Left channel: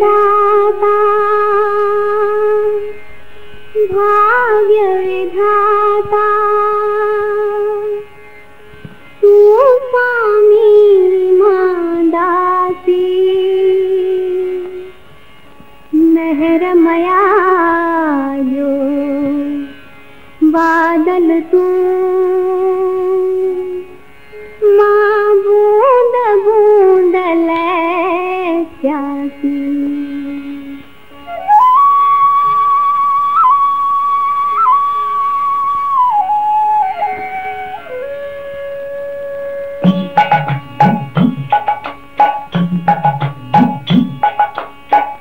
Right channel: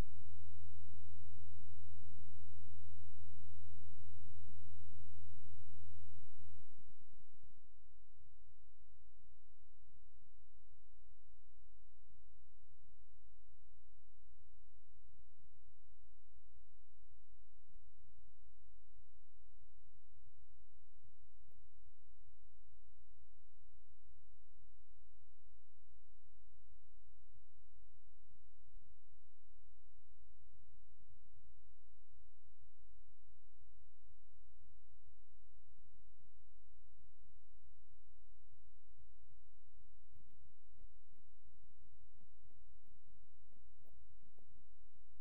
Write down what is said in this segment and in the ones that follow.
दाता भाग्य विधाता तू स्वामी दासी मेहरमया जो बादल तू माँ बूंद बूंद ले प्यासी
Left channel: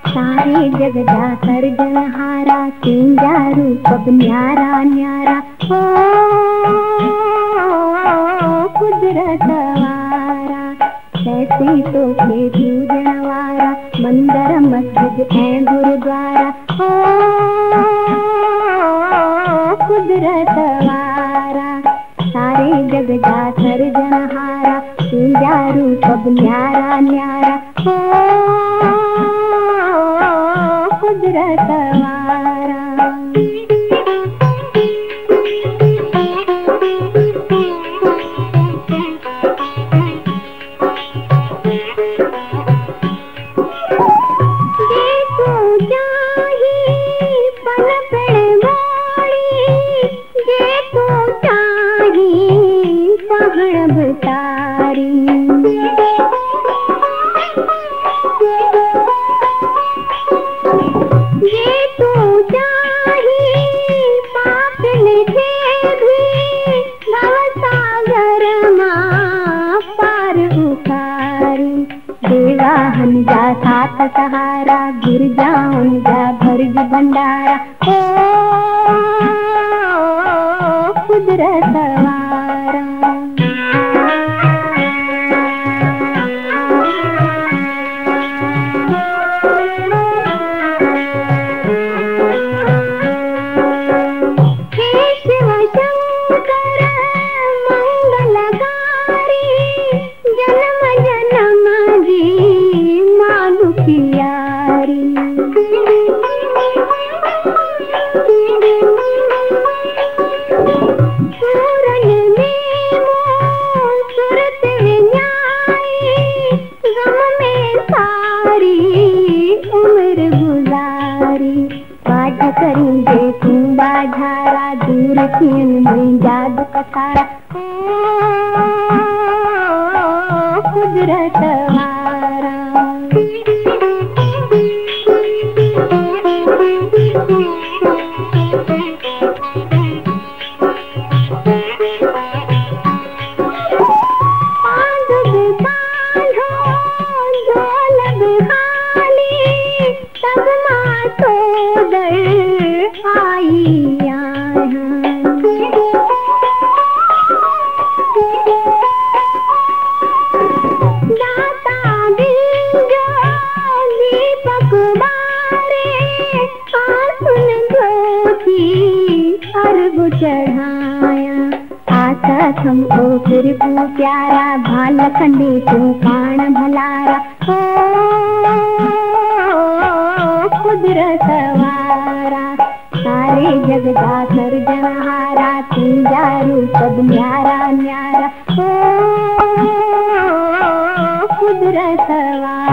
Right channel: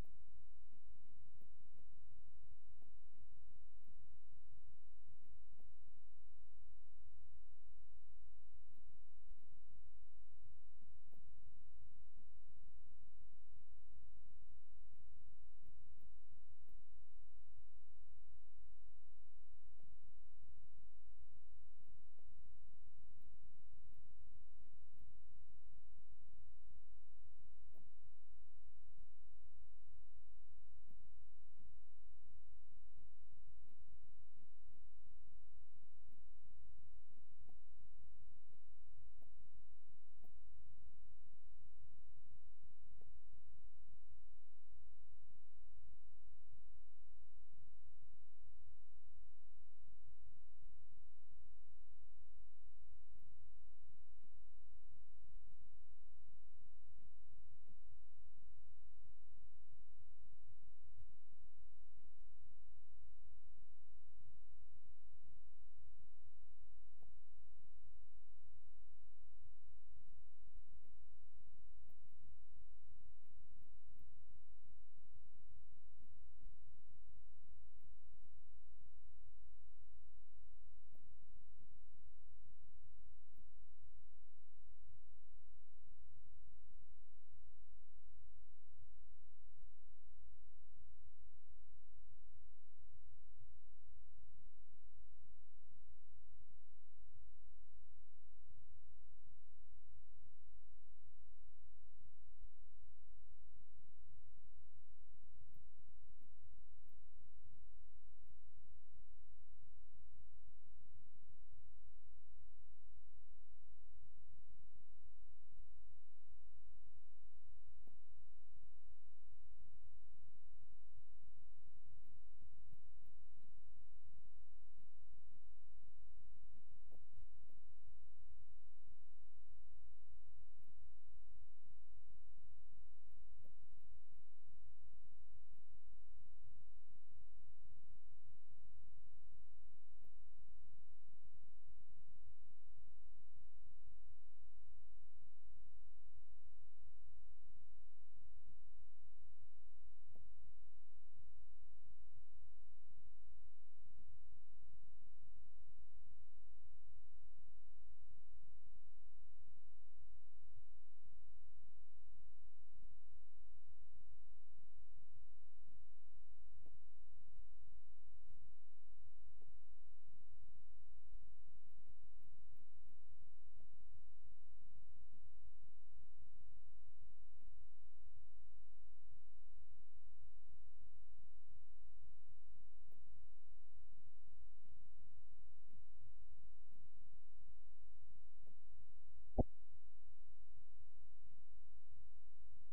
सारे जग जा सर्जनहारा तेरा रूप अब न्यारा न्यारा हो कुदरत वारा कैसे तो के पूजनवारा मंदिर मस्जिद है गुरुद्वारा हो कुदरत वारा सारे जग जा सर्जनहारा तेरा रूप अब न्यारा न्यारा हो कुदरत वारा सहारा गिर जाऊं जा भरज भंडारा ओ कुदरत वारा हे शिव शंकर मंगलकारी जन्म जन्म जी प्यारी पूरन में सूरत न्याई गम में सारी उम्र गुजारी पाठ करेंगे कुंभा धारा दूर किन में जादू कसारा कुदरत वारा चढ़ाया आकाश हमको फिर को प्यारा भाल खंडे तू कान भलारा हो कुदरत वारा सारे जग का सर्जनहारा तेरा रूप अब न्यारा न्यारा हो कुदरत वारा।